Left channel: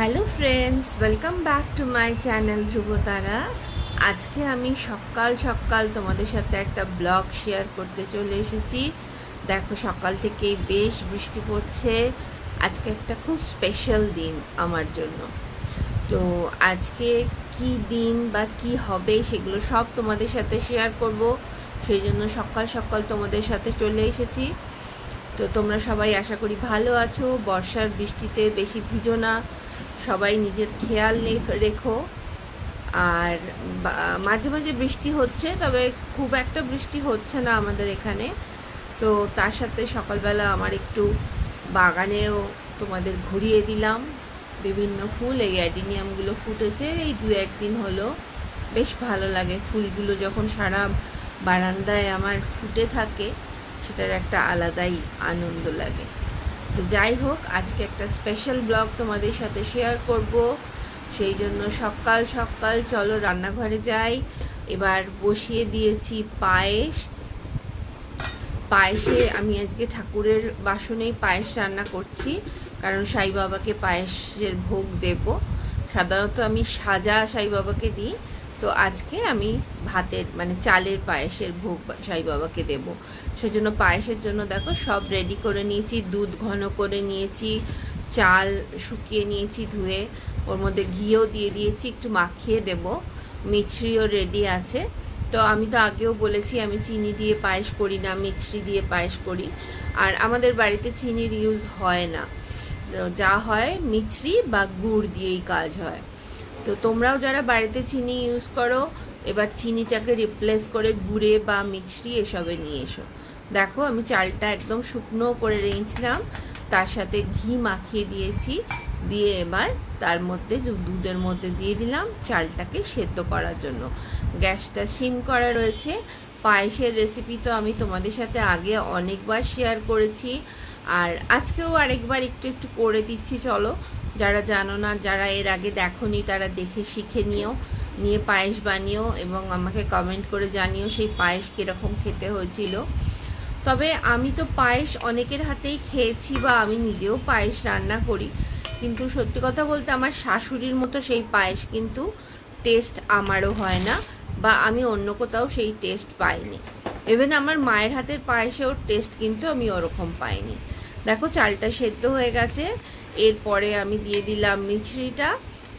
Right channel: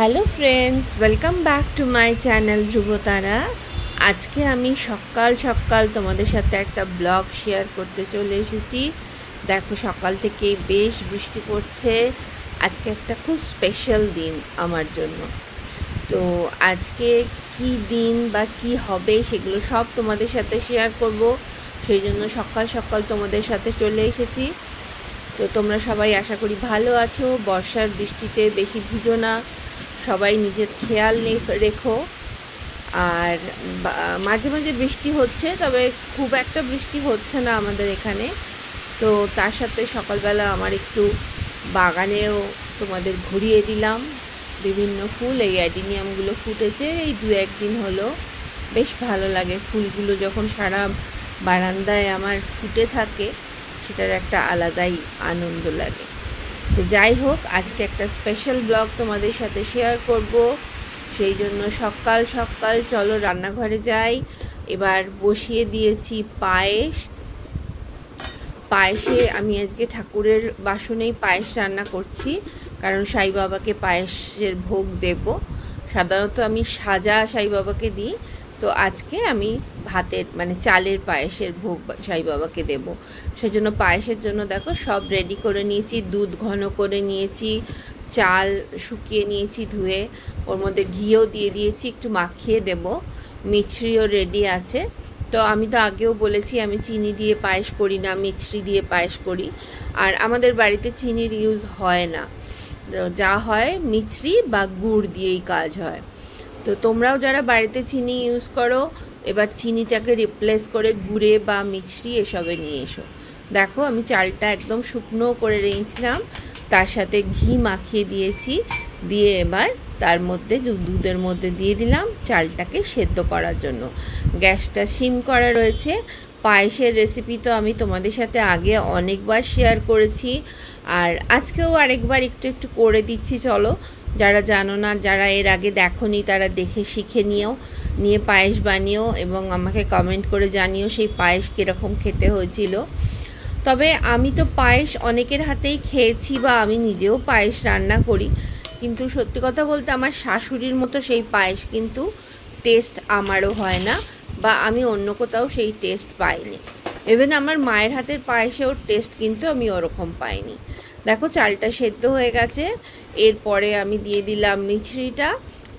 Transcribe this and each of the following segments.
Hello friends, welcome back to my channel Dhrubatara. আজকে আমি সকাল সকাল তোমাদের সাথে একটা ব্লগ শেয়ার করতে চলে এসেছি। দেখো, সকাল থেকেই বেশ বৃষ্টি পড়ছে। আজকে একটা খুব স্পেশাল দিন আমার জন্য। তো আজকে কি দিন বা কি হবে সেগুলো সব তোমাদের সাথে শেয়ার করব। সেই জন্য সকাল সকাল তোমাদের সাথে চলে এসেছি। তো তোমরা সবাই আশা করি ভালো আছো। বর্ষার বৃষ্টিতে বেশি ভিজো না, সবাই নিজের খেয়াল রেখো। আর মাঝে মাঝে বৃষ্টি হচ্ছে, তবে খুব একটা বৃষ্টি হচ্ছে না আমাদের এখানে। তো তার সাথে সকালবেলা আমার একটু বাগানেও তোমাদের ঘুরিয়ে দিলাম। বিভিন্ন ফুল, এই অ্যাডিনিয়ামগুলো ফুটেছে এই 2-1 দিন হলো। বেশ ভালো লাগে ফুলগুলো যখন সারা বারান্দায় আমার ফুটে থাকে, সেটার একটা আলাদাই আনন্দ লাগে। তো যাই হোক, আজকে একটা স্পেশাল ব্লগ তোমাদের সাথে শেয়ার করব। সেই জন্য সকাল সকাল চলো রান্নাঘরে যাই। এবার বসিয়ে দিয়েছি পায়েসে আমি আজকে ঠাকুরের বাসনেই পায়েস রান্না করছি, কারণ সাই বাবাকে পায়েসের ভোগ দেব। সাধারণত আমি সাজা সাই বাবাকে দিই, তো আজকে আমি ভাতের চালের পায়েসের ভোগ সাই বাবাকে দেব। সেজন্য পায়েসের জন্য দেখো সব রেডি করে নিয়েছি। দুধ ঘন করে নিয়েছি, চাল শুকিয়ে নিয়েছি ধুয়ে, ওর মধ্যে ঘিও দিয়ে দিয়েছি, একটু মাখিয়ে দেব। মিছরিও রেডি আছে। তো আমি তো আগেও বলেছি আমি চিনি দিয়ে পায়েস করি না, মিছরি দিয়ে পায়েস করি। আর আমাদের বাড়িতে চিনির ইউজ হয় না, যা হয় মিছরি বা গুড় দিয়েই কাজ হয়। তো তোমরাও যারা বাড়িতে চিনি ইউজ করো, এবার চিনিটাকে রিপ্লেস করে গুড়ে বা মিছরি এসবে নিয়ে এসো। দেখো, আমি চালটা একদম শুকনো করে রেঁচলাম, তার সাথে ঘি মাখিয়ে দিয়েছি, দিয়ে এবার তার মধ্যে দুধের মধ্যে দিয়ে দিলাম চালটাকে সেদ্ধ করার জন্য। গ্যাসটা সিম করা রয়েছে। পায়েসের রেসিপি তো আমি তোমাদের সাথে আগে অনেকবার শেয়ার করেছি, আর আজকেও আরেকবার একটু একটু করে দিচ্ছি। চলো, যারা জানো না, যারা এর আগে দেখোনি, তারা দেখে শিখে নিয়ে পায়েস বানিও এবং আমাকে কমেন্ট করে জানিও সেই পায়েস কীরকম খেতে হয়েছিল। তবে আমি তো পায়েস অনেকের হাতেই খেয়েছি, বা আমি নিজেও পায়েস রান্না করি, কিন্তু সত্যি কথা বলতে আমার শাশুড়ির মতো সেই পায়েস কিন্তু টেস্ট আমারও হয় না, বা আমি অন্য কোথাও সেই টেস্ট পাইনি। ইভেন আমার মায়ের হাতের পায়েসেও টেস্ট কিন্তু আমি ওরকম পাইনি। দেখো, চালটা সেদ্ধ হয়ে গেছে। এরপরে আমি দিয়ে দিলাম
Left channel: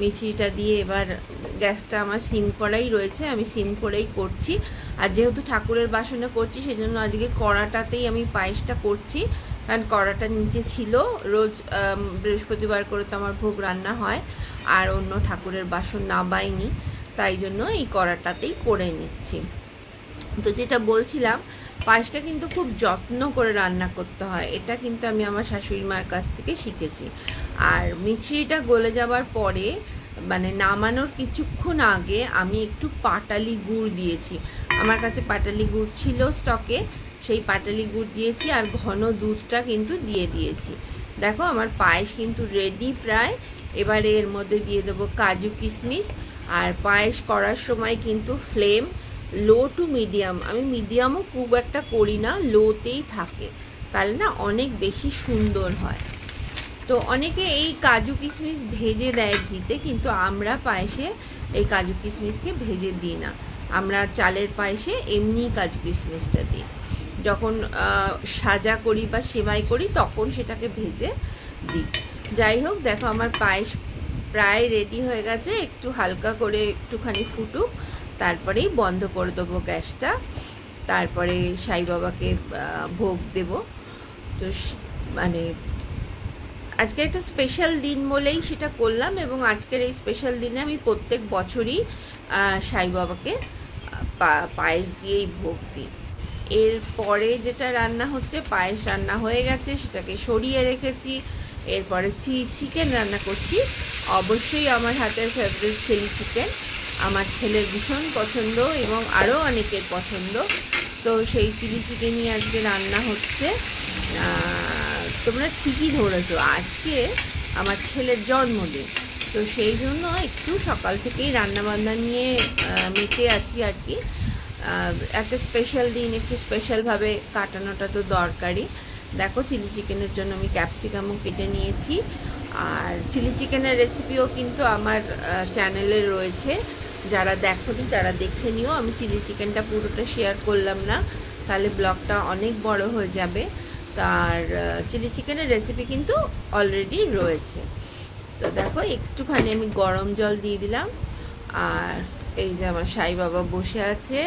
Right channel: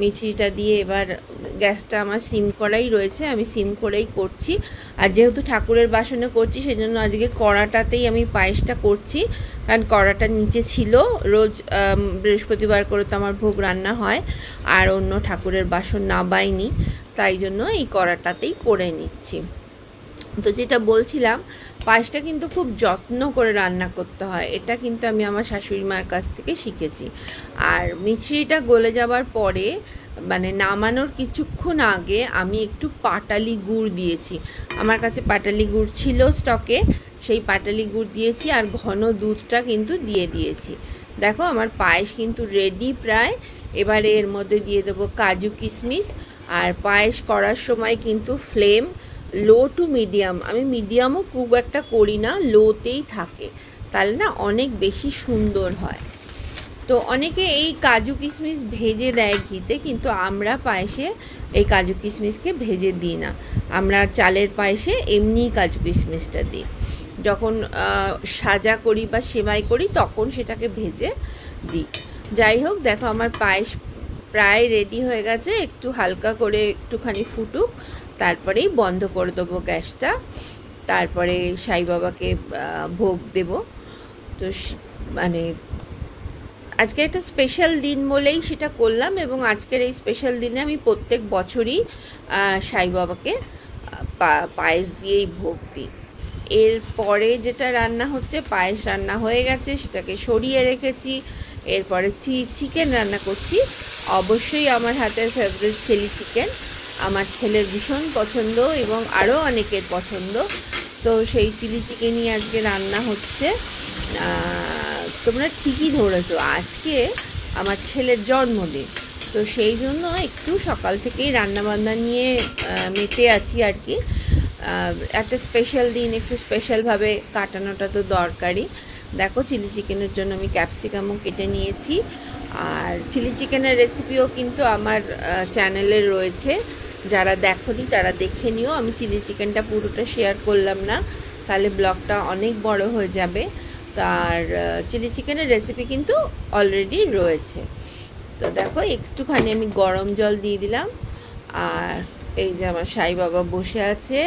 মিছরিটা দিয়ে এবার গ্যাসটা আমার সিম করাই রয়েছে, আমি সিম করেই করছি। আর যেহেতু ঠাকুরের বাসনে করছি, সেজন্য আজকে কড়াটাতেই আমি পায়েসটা করছি, কারণ কড়াটা নিচে ছিল। রোজ বৃহস্পতিবার করে তো আমার ভোগ রান্না হয়, আর অন্য ঠাকুরের বাসন না বাইনি, তাই জন্য এই কড়াটাতেই করে নিচ্ছি। তো যেটা বলছিলাম, পায়েসটা কিন্তু খুব যত্ন করে রান্না করতে হয়, এটা কিন্তু আমি আমার শাশুড়ি মার কাছ থেকে শিখেছি। আর মিছরিটা গলে যাবার পরে, নামানোর কিছুক্ষণ আগে আমি একটু পাটালি গুড় দিয়েছি। আমার কাছে পাটালি গুড় ছিল স্টকে, সেই পাটালি গুড় দিয়েছি, আর ঘন দুধটা কিন্তু দিয়ে দিয়েছি। দেখো, আমার পায়েস কিন্তু রেডি প্রায়। এবারে এর মধ্যে দিয়ে দেবো কাজু কিশমিশ। আর পায়েস করার সময় কিন্তু ফ্লেম লো টু মিডিয়াম, আমি মিডিয়ামও খুব একটা করি না, লোতেই থাকে, তাহলে না অনেক বেশি সুন্দর হয়। তো অনেকে এই কাজু কিশমিশ ভেজে দেয় ঘিতে, কিন্তু আমরা পায়েসে এই কাজু কিশমিশকে ভেজে দিই না। আমরা চালের পায়েসে এমনিই কাজু কিশমিশটা দিই। যখন সাজা করি বা সেমাই করি, তখন সেটাকে ভেজে দিই। যাই হোক, দেখো আমার পায়েস প্রায় রেডি হয়ে গেছে। একটু হালকা করে একটুখানি ফুটুক, তারপরেই বন্ধ করে দেবো গ্যাসটা। তারপরে সাই বাবাকে ভোগ দেব। তো আজকে একটা স্পেশাল দিন বলেই সেটা করলাম, এবং আজকের এই স্পেশাল দিনে আমি প্রত্যেক বছরই সাই বাবাকে পায়েস দিয়েই ভোগ দিই। এরপরে যেটা রান্না হচ্ছে, পায়েস রান্না হয়ে গেছে, সেটাকে সরিয়ে রেখেছি। এরপরে চিকেন রান্না করছি। অবশ্যই আমার হাতের ফেভারিট চিলি চিকেন, আমার ছেলের ভীষণ পছন্দ এবং আরও অনেকের পছন্দ। তো সেই চিলি চিকেনই আজকে রান্না হচ্ছে। তোমরা ঠিকই ধরেছো, আজকে আমার ছেলের জন্মদিন, তো সেই জন্য একটু সকাল থেকেই রান্নাবান্না নিয়ে মেতে আছি আর কি। একটা স্পেশাল দিন একটু স্পেশালভাবে কাটানোটা তো দরকারই। দেখো, চিলি চিকেনের জন্য আমি ক্যাপসিকামও কেটে নিয়েছি, আর চিলি চিকেনের রেসিপিও কিন্তু আমার চ্যানেলে রয়েছে, যারা দেখোনি তারা দেখে নিও। আমি চিলি চিকেনটা পুরোটা শেয়ার করলাম না, তাহলে ব্লগটা অনেক বড় হয়ে যাবে। তার চিলি চিকেনের রেসিপি কিন্তু অলরেডি রয়েছে। তো দেখো একটুখানি আমি গরম জল দিয়ে দিলাম, আর এই যে আমার সাই বাবা বসে আছে,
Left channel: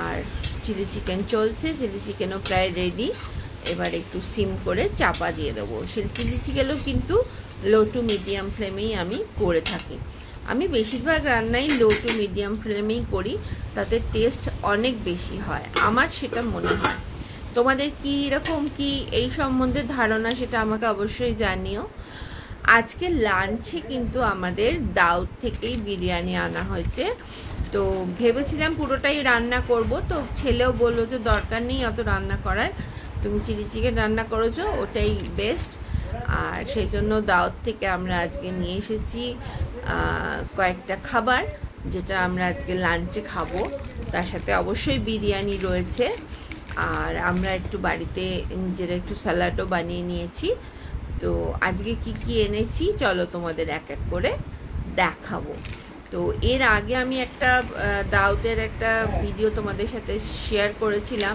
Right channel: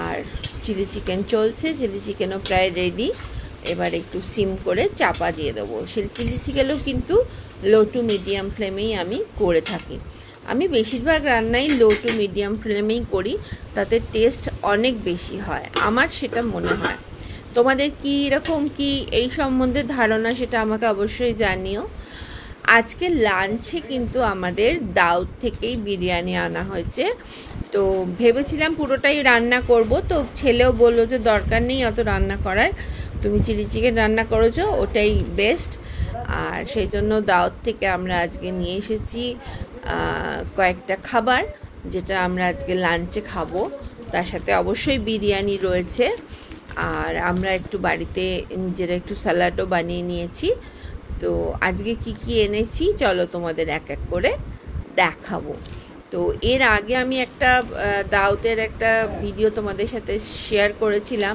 আর চিলি চিকেন চলছে, চিলি চিকেনও প্রায় রেডি। এবার একটু সিম করে চাপা দিয়ে দেবো। চিলি চিকেনও কিন্তু লো টু মিডিয়াম ফ্লেমেই আমি করে থাকি। আমি বেশিরভাগ রান্নাই লো টু মিডিয়াম ফ্লেমেই করি, তাতে টেস্ট অনেক বেশি হয়, আমার সেটা মনে হয়। তোমাদের কি এরকম কি এই সম্বন্ধে ধারণা, সেটা আমাকে অবশ্যই জানিও। আজকে লাঞ্চে কিন্তু আমাদের দাউদ থেকেই বিরিয়ানি আনা হয়েছে। তো ভেবেছিলাম পুরোটাই রান্না করব, তো ছেলেও বললো যে দরকার নেই অত রান্না করার, তুমি চিলি চিকেন রান্না করেছো ওটাই বেস্ট। আর সেই জন্য দাউদ থেকে আমরা আজকে নিয়ে এসেছি কয়েকটা খাবার, যেটা আমরা আজকে লাঞ্চে খাবো। তার সাথে অবশ্যই বিরিয়ানি রয়েছে, আর আমরা একটু বাড়িতে নিজেরা একটু স্যালাডও বানিয়ে নিয়েছি। তো আজকে কি কি এনেছি চলো তোমাদের এক এক করে দেখাবো। তো এর আগে আমি একটা দাউদের একটা ভিডিও তোমাদের সাথে শেয়ার করেছিলাম,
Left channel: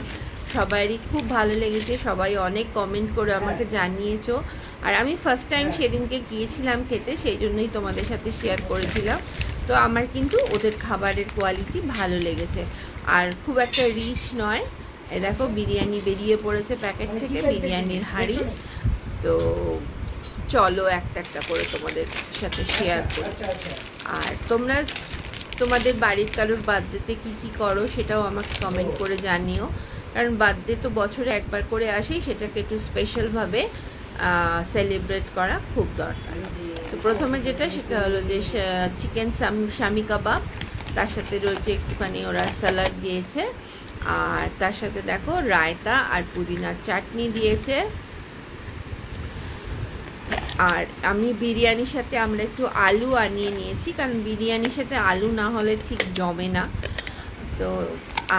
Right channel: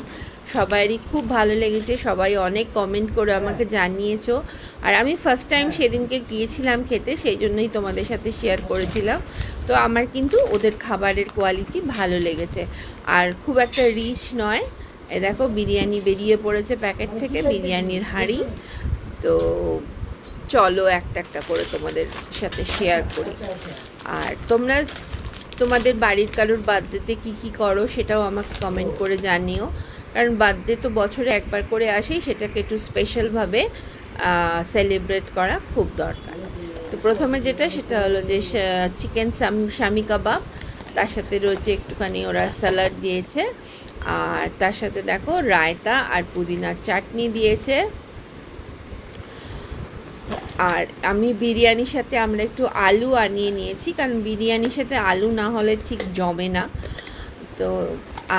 সবারই খুব ভালো লেগেছে, সবাই অনেক কমেন্ট করে আমাকে জানিয়েছো। আর আমি ফার্স্ট টাইম সেদিনকে গিয়েছিলাম খেতে, সেই জন্যই তোমাদের সাথে শেয়ার করেছিলাম। তো আমার কিন্তু ওদের খাবারের কোয়ালিটি ভালো লেগেছে, আর খুব একটা রিচ নয়। এই দেখো বিরিয়ানি বেরিয়ে পড়েছে প্যাকেট থেকে, বিরিয়ানির হাঁড়ি। তো চলো একটা একটা করে তোমাদের সাথে শেয়ার করি। আর তোমরা তোমাদের বাড়ির কারোর বার্থডেতে কি কি করো সেটাও আমাকে কমেন্ট করে জানিও, কারণ বার্থডে তো বছরে একবার করে আসেই, সেটাকে একটু স্পেশালভাবে সেলিব্রেট করা খুব দরকার। তো প্রথমে যেটা সেটা হলো যে চিকেন শামি কাবাব, তার সাথে রয়েছে একটুখানি ওরা স্যালাড দিয়েছে, আর তার সাথে দেখো রায়তা আর পুদিনার চাটনি দিয়েছে। আর আমি বিরিয়ানির সাথে আমরা একটু আলু আনিয়ে নিয়েছি, কারণ বিরিয়ানির সাথে আলু না হলে ঠিক জমে না। তো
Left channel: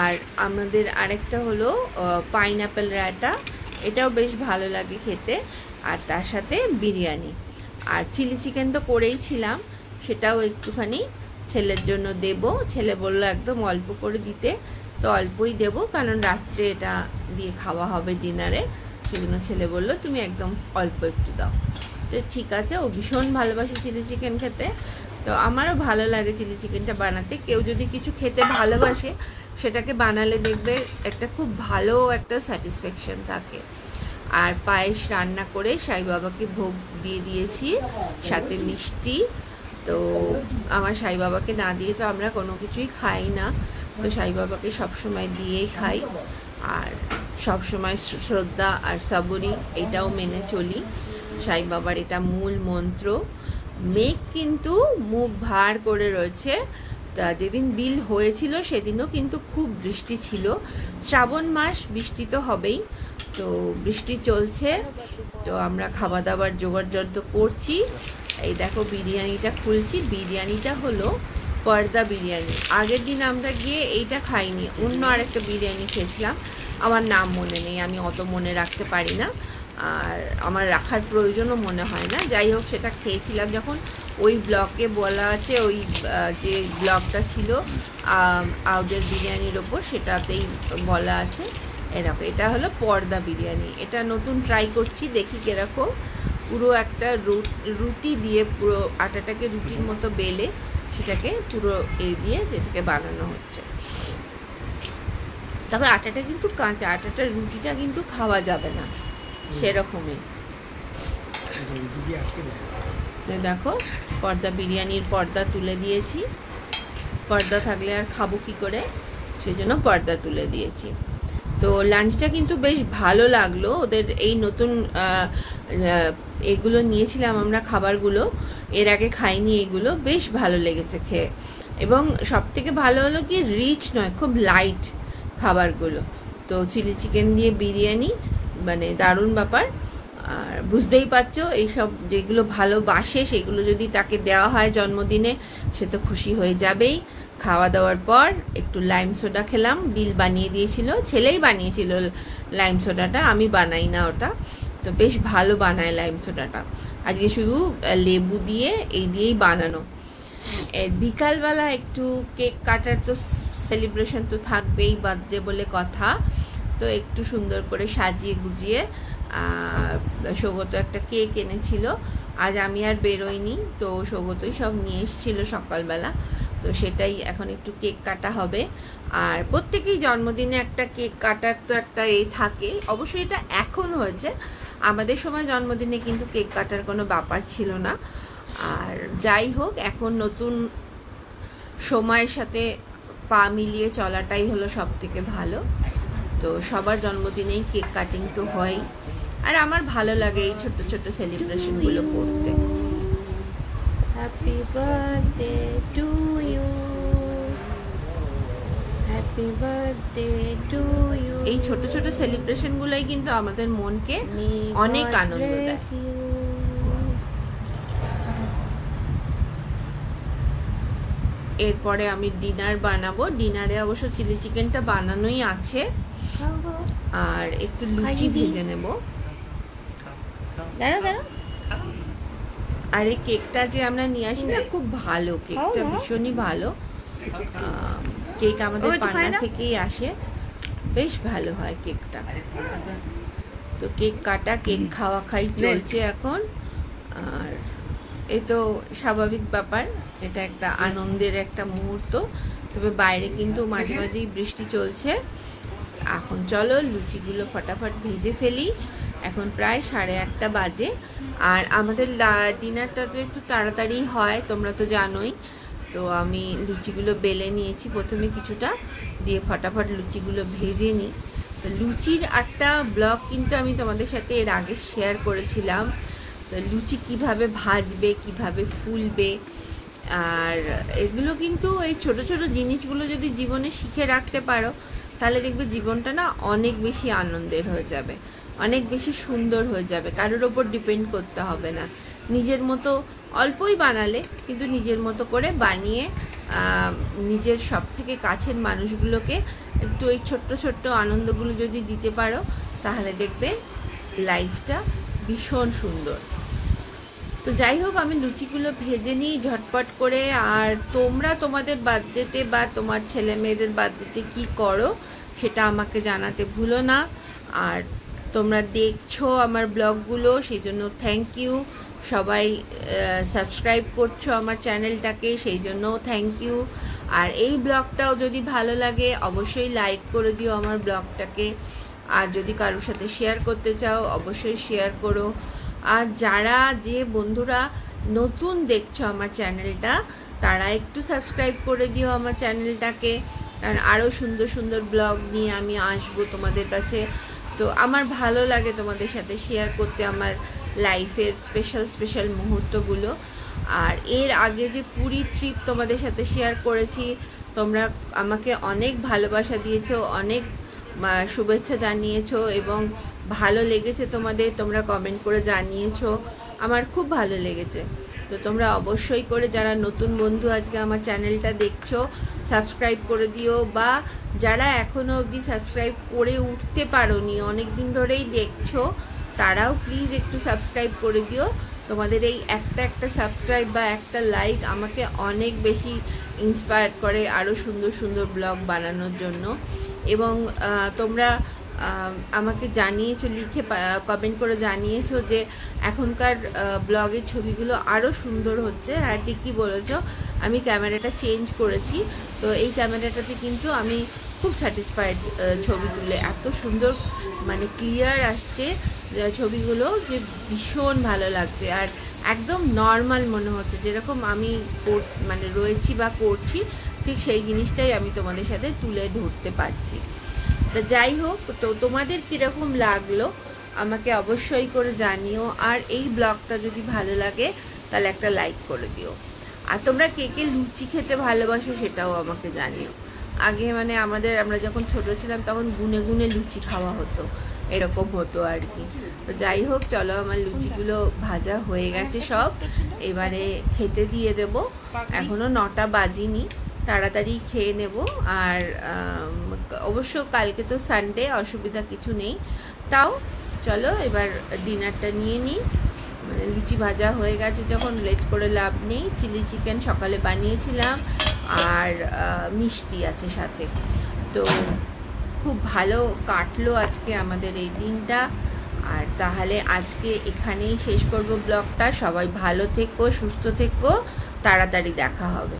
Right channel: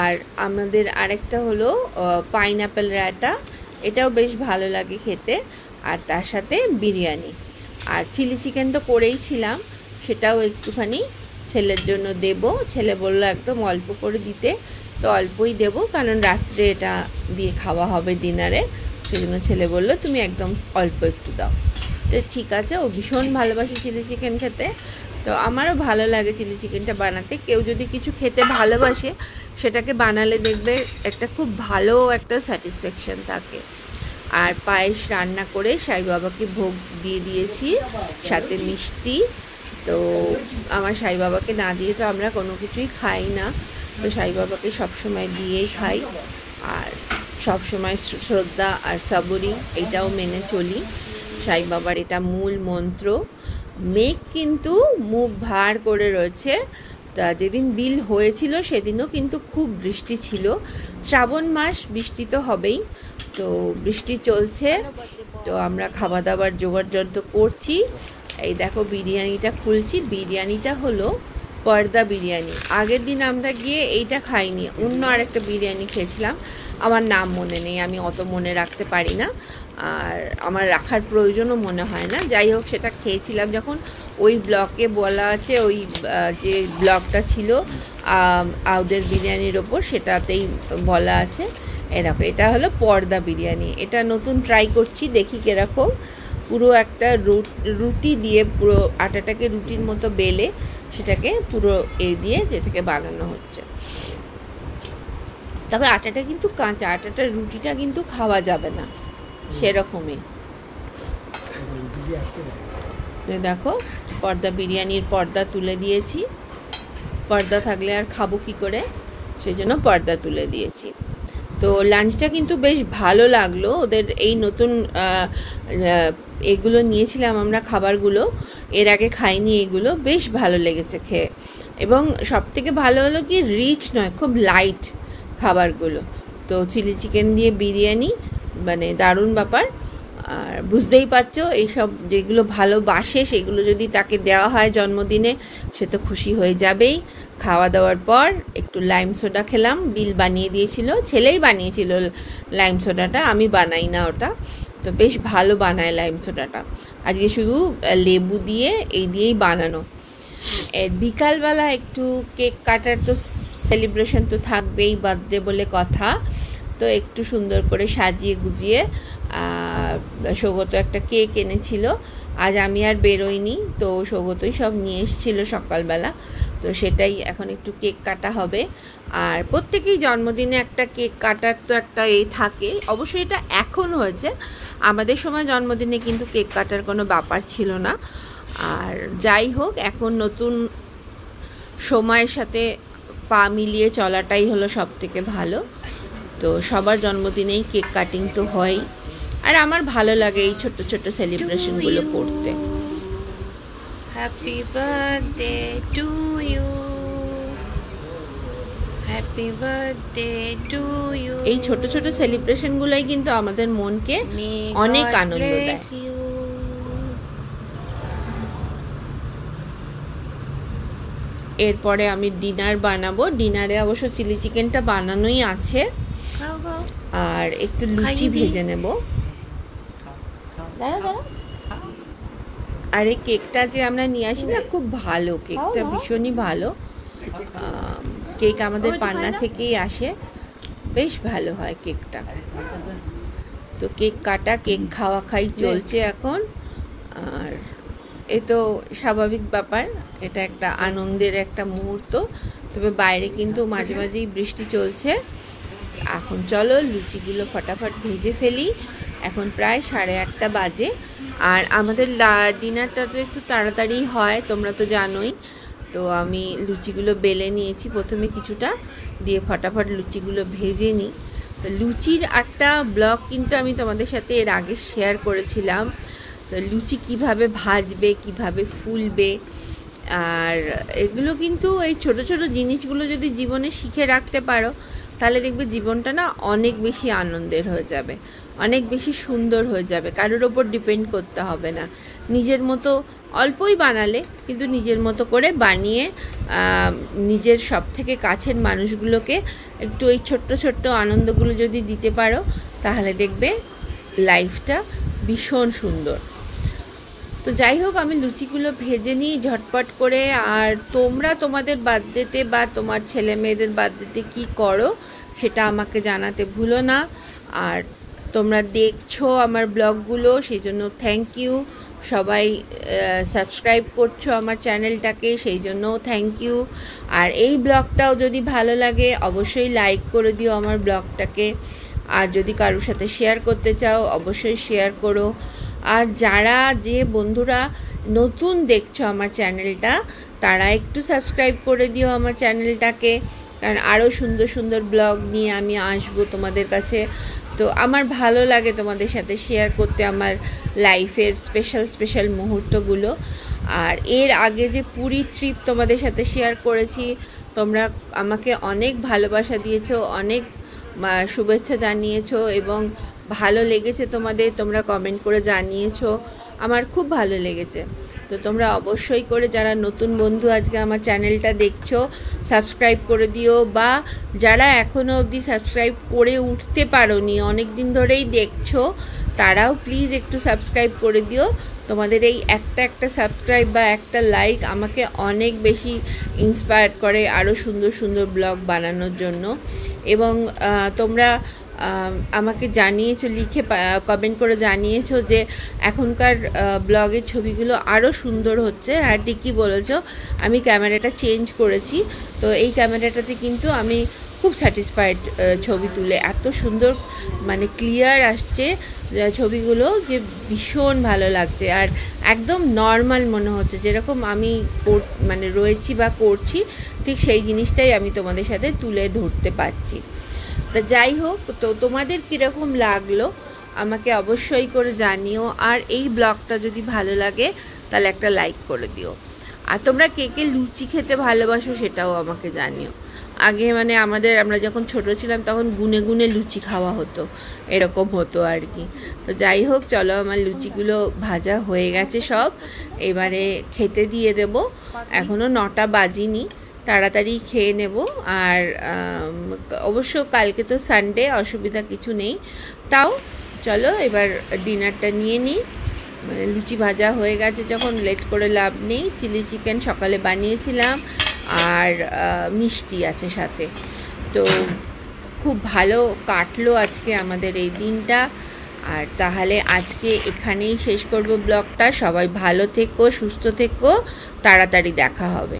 আর আমাদের আরেকটা হলো পাইনঅ্যাপেল রায়তা, এটাও বেশ ভালো লাগে খেতে। আর তার সাথে বিরিয়ানি, আর চিলি চিকেন তো করেইছিলাম, সেটাও একটুখানি ছেলের জন্য দেব। ছেলে বললো একদম অল্প করে দিতে, তো অল্পই দেব, কারণ রাত্রে এটা দিয়ে খাওয়া হবে ডিনারে। সেজন্য ছেলে বললো তুমি একদম অল্প একটু দাও। তো ঠিক আছে, ও ভীষণ ভালোবাসে চিলি চিকেন খেতে, তো আমারও ভালো লাগে চিলি চিকেনটা বানাতে। কেউ যদি কিছু খেতে ভালোবাসে, সেটাকে বানালে দেখবে একটা খুব ভালো একটা স্যাটিসফ্যাকশন থাকে। আর পায়েস রান্না করে সাই বাবাকে ভোগ দিয়ে দিয়েছি, সাথে মিষ্টি। তো আমার সাই বাবাকে না দিয়ে তো আমরা কোনো কিছুই খাই না, তো সাই বাবাকে সবসময় দিয়েই খাই। আর সবসময় শ্রদ্ধা আর সাবুরি এটাও মেনে চলি, সাই বাবার এটা মূল মন্ত্র। মেঘ কিন্তু মুখ ভার করে রয়েছে। তা যেদিন বিল হয়েছিল সেদিনও কিন্তু খুব বৃষ্টি ছিল। শ্রাবণ মাস, বৃষ্টি তো হবেই, তো বৃষ্টি চলছে। তো আমরা খাওয়া দাওয়ার জোগাড়যন্ত্র করছি। এই দেখো বিরিয়ানিটা খুলছি। বিরিয়ানিটা হলো পর্দা বিরিয়ানি। আগের দিন আমরা গিয়ে এইটা খাইনি, অন্য আরেকটা বিরিয়ানি খেয়েছিলাম, আমার নাম মনে নেই, আমি অত মনে রাখতে পারি না, আর আমার রাখার প্রয়োজনও মনে হয় না। যাই হোক, সেটা খেয়েছিলাম যখন ওই ব্লগে বলা আছে, ওই যে ব্লগটা ছিল আউদের বিরিয়ানির ওপর, সেটাতেই বলা আছে। এই দেখো এটা হলো পর্দা বিরিয়ানি, এটা নতুন ট্রাই করছি, দেখি কিরকম। পুরো একটা রুটি দিয়ে, পুরো আটাটাকে রুটির মতো বেলে সেটাকে পুরো দিয়ে যেটাকে বানানো হচ্ছে। তবে আটাটা কিন্তু কাঁচা, আটাটা রুটিটা কিন্তু খাওয়া যাবে না সেরকমই। দেখো পর্দা বিরিয়ানির পর্দা তুলে দিয়েছি, পর্দা থাকলে আর খাবো কি করে, সেই জন্য পর্দা তুলে দিয়েছি। তো লাঞ্চটা কিন্তু বেশ ভালো লাগলো। ওদের এই নতুন এগুলো নিয়েছিলাম আমরা, খাবারগুলো এর আগে খাইনি, এগুলো বেশ ভালো লেগেছে খেয়ে। এবং সব থেকে ভালো হলো কি রিচ নয়, খুব লাইট খাবারগুলো। তো চিলি চিকেন দিয়ে বিরিয়ানি মানে দারুণ ব্যাপার। আর বুঝতেই পারছো, এইসব যেগুলো ভালোবাসে সেগুলো যদি তাকে দেওয়া হয় জন্মদিনে, সে তো খুশি হয়ে যাবেই। খাওয়া দাওয়ার পর একটু লাইম সোডা খেলাম, বিল বানিয়ে দিয়েছিল, ছেলেই বানিয়েছিল লাইম সোডাটা, আমি বানাই না ওটা, তো বেশ ভালো বানায় লাইম সোডাটা। আজকে শুধু লেবু দিয়ে এই দিয়েই বানানো। বিকালবেলা একটু কেক কাটার তো সেলিব্রেশন তো থাকবেই, বার্থডে বলে কথা, তো একটু সুন্দর করে সাজিয়ে গুজিয়ে সৌগত একটা কেক এনেছিল। আজ আমি আর বেরোইনি, তো সৌগতই সব নিয়ে এসেছিল সকালবেলা, তো সেটাই এখন একটু কেক কাটা হবে। আর প্রত্যেকেই জন্মদিনে একটা কেক কাটার তো একটা থাকে, অবশ্যই এটা এখন হয়েছে, আমাদের সময় জন্মদিনে কিন্তু কেক কাটার কোনো ব্যাপার ছিল না। আর যাই হোক, এখন নতুন সময়ের সাথে পা মিলিয়ে চলাটাই হলো সব থেকে ভালো। তো সবার জন্মদিনেই কেক কাটিং তো হয়, আর আমার ভালো লাগে এই ছোট ছোট সেলিব্রেশনগুলো করতে। Happy birthday to you, happy birthday to you. এই ছোট ছোট সেলিব্রেশনগুলোই কিন্তু আমাদের মনকে অনেক আনন্দ দেয়। এরপরে আমি ডিনার বানাবো। ডিনারে অবশ্য চিলি চিকেনটা বানানোই আছে, আর একটু লুচি ভেজে নেব। দাঁড়া দাঁড়া। আর এই কেকটা যে আমরা নিয়ে আসি না, খুব ভালো, কেকটা ভীষণই ভালো। কেক আমাদের পান্না থেকেই আসে, বেশ ভালো হয় কেকটা। তো কেক কাটা, কেক খাওয়া খাই চলছে এখন। আর এ তো স্বাভাবিক ব্যাপার, এটা একটা আনন্দের একটা মুহূর্ত। তবে বাইরে কিন্তু মাঝে মাঝেই বৃষ্টি চলছে। এখন চলো লুচিগুলো ফটাফট ভেজে ফেলি। এখন প্রায় 8:30 বাজে। আর আমাদের ডিনারটা তো একটু তাড়াতাড়ি হয়, তোমরা তো জানোই। তো আমি লুচিগুলো বেলে নিয়েছি প্রথমে কিছুটা, দিয়ে ফটাফট লুচিগুলো ভেজে নিই। তো লুচির একটা ব্লগ কিন্তু আমি তোমাদের সাথে এর আগে শেয়ার করেছিলাম। তো লুচি কিভাবে ভাজবে, কিভাবে ফুলবে, আর এগুলো কিন্তু এই ছোট ছোট জিনিসগুলো যদি জীবনে শিখে রাখতে পারো, তাহলে দেখবে জীবনটা না অনেক বেশি আনন্দের হয়ে যাবে, অনেক বেশি সুন্দর হয়ে যাবে। কারোর ওপর ডিপেন্ড করতে হবে না। নিজের মতো অল্পই বানালে, কিন্তু নিজের মতো করে বানিয়ে নিজের সব থেকে কাছের মানুষগুলোকে একটু এই ছোট্ট ছোট্ট আনন্দগুলো যদি দিতে পারো, তাহলে দেখবে লাইফটা ভীষণ সুন্দর। তো যাই হোক, আমি লুচিগুলো ভেজে নিই ঝটপট করে। আর তোমরা তোমাদের বার্থডেতে বা তোমার ছেলে মেয়েদের বার্থডেতে কী করো সেটা আমাকে জানাতে ভুলো না। আর তোমরা দেখছো আমার ব্লগগুলো, সেই জন্য থ্যাংক ইউ। সবাই সাবস্ক্রাইব করছো আমার চ্যানেলটাকে, সেই জন্যও থ্যাংক ইউ। আর এই ব্লগটাও যদি ভালো লাগে অবশ্যই লাইক করে দিও আমার ব্লগটাকে। আর যদি কারোর সাথে শেয়ার করতে চাও অবশ্যই শেয়ার করো। আর যারা যে বন্ধুরা নতুন দেখছো আমার চ্যানেলটা, তারা একটু সাবস্ক্রাইব করে দিও আমার চ্যানেলটাকে, কারণ আরও সুন্দর সুন্দর ব্লগ নিয়ে আমি আসবো তোমাদের কাছে। তো আমার ভালো লাগে তোমাদের সাথে শেয়ার করতে আমার লাইফের স্পেশাল স্পেশাল মুহূর্তগুলো। আর এর আগে যে পুরী ট্রিপ তোমাদের সাথে শেয়ার করেছি, তোমরা আমাকে অনেক ভালোবাসা দিয়েছো, অনেক শুভেচ্ছা জানিয়েছো এবং ভালো লেগেছে তোমাদের, তোমরা কমেন্ট করে জানিয়েছো, আমার খুব ভালো লেগেছে। তো তোমরা অবশ্যই করে যারা নতুন বন্ধু আজকে আমার চ্যানেলটা দেখছো, সাবস্ক্রাইব করে দিও। বা যারা এখনও অবধি সাবস্ক্রাইব করে উঠতে পারোনি, অনেক দিন ধরেই দেখছো, তারাও প্লিজ একটু সাবস্ক্রাইব করে দিও। তোমাদের এই একটা সাবস্ক্রাইব বা একটা লাইক আমাকে অনেক বেশি ইন্সপায়ার করে আরও সুন্দর সুন্দর ব্লগ বানানোর জন্য। এবং তোমরা আমাকে জানিয়েছো, লিখে কমেন্ট করে জানিয়েছো যে এখনকার ব্লগের ছবিগুলো আরও সুন্দর হচ্ছে। হ্যাঁ, ঠিকই বলেছো, আমি ক্যামেরাটা চেঞ্জ করেছি। তো এই ক্যামেরাটাতে কিন্তু আমি খুব স্যাটিসফাইড ছবি তুলে, এত সুন্দর মানে ক্লিয়ার আসছে ছবিগুলো যে ভীষণ ভালো লাগছে। আর একদম নর্মাল মনে হচ্ছে, যেরকম আমি মানে রয়েছি বা করছি, ঠিক সেই জিনিসটাই আমি তোমাদের সাথে তুলে ধরতে পারছি। তা যাই হোক, তো তোমাদের কীরকম লাগলো আমাকে অবশ্যই করে জানিও। আর এই ব্লগটা যদি ভালো লাগে তাহলে একটা লাইক করে দিও। আর তোমরা কে কে লুচি খেতে ভালোবাসো সেটাও আমাকে জানিও। আগে মানে আমরা যখন ছোট ছিলাম তখন গুনে গুনে লুচি খাওয়া হতো, এরকম হতো আর কি। তো যাই হোক, চলো আমার লুচিগুলো ভাজা হয়ে গেছে সব, এবারে খেতে দিয়ে দেব। এখনও 9টা বাজিনি, তাড়াতাড়ি খেয়ে নেব। আর অবশ্য কালকে তো সানডে, অসুবিধা কিছু নেই। তাও চলো এবার ডিনারটা নিয়ে নিই, মানে লুচি ভাজা হয়ে গেছে যখন লেট করে লাভ নেই। চিলি চিকেন সকালে বানিয়েছিলাম আর মিষ্টি আছে সাথে। তো খুব ভালো কাটলো আজকে আমাদের এই দিনটা। আর তাহলে আজকে এখানেই শেষ করব ব্লগটা। সবাই ভালো থেকো, সুস্থ থেকো, তাড়াতাড়ি দেখা হবে।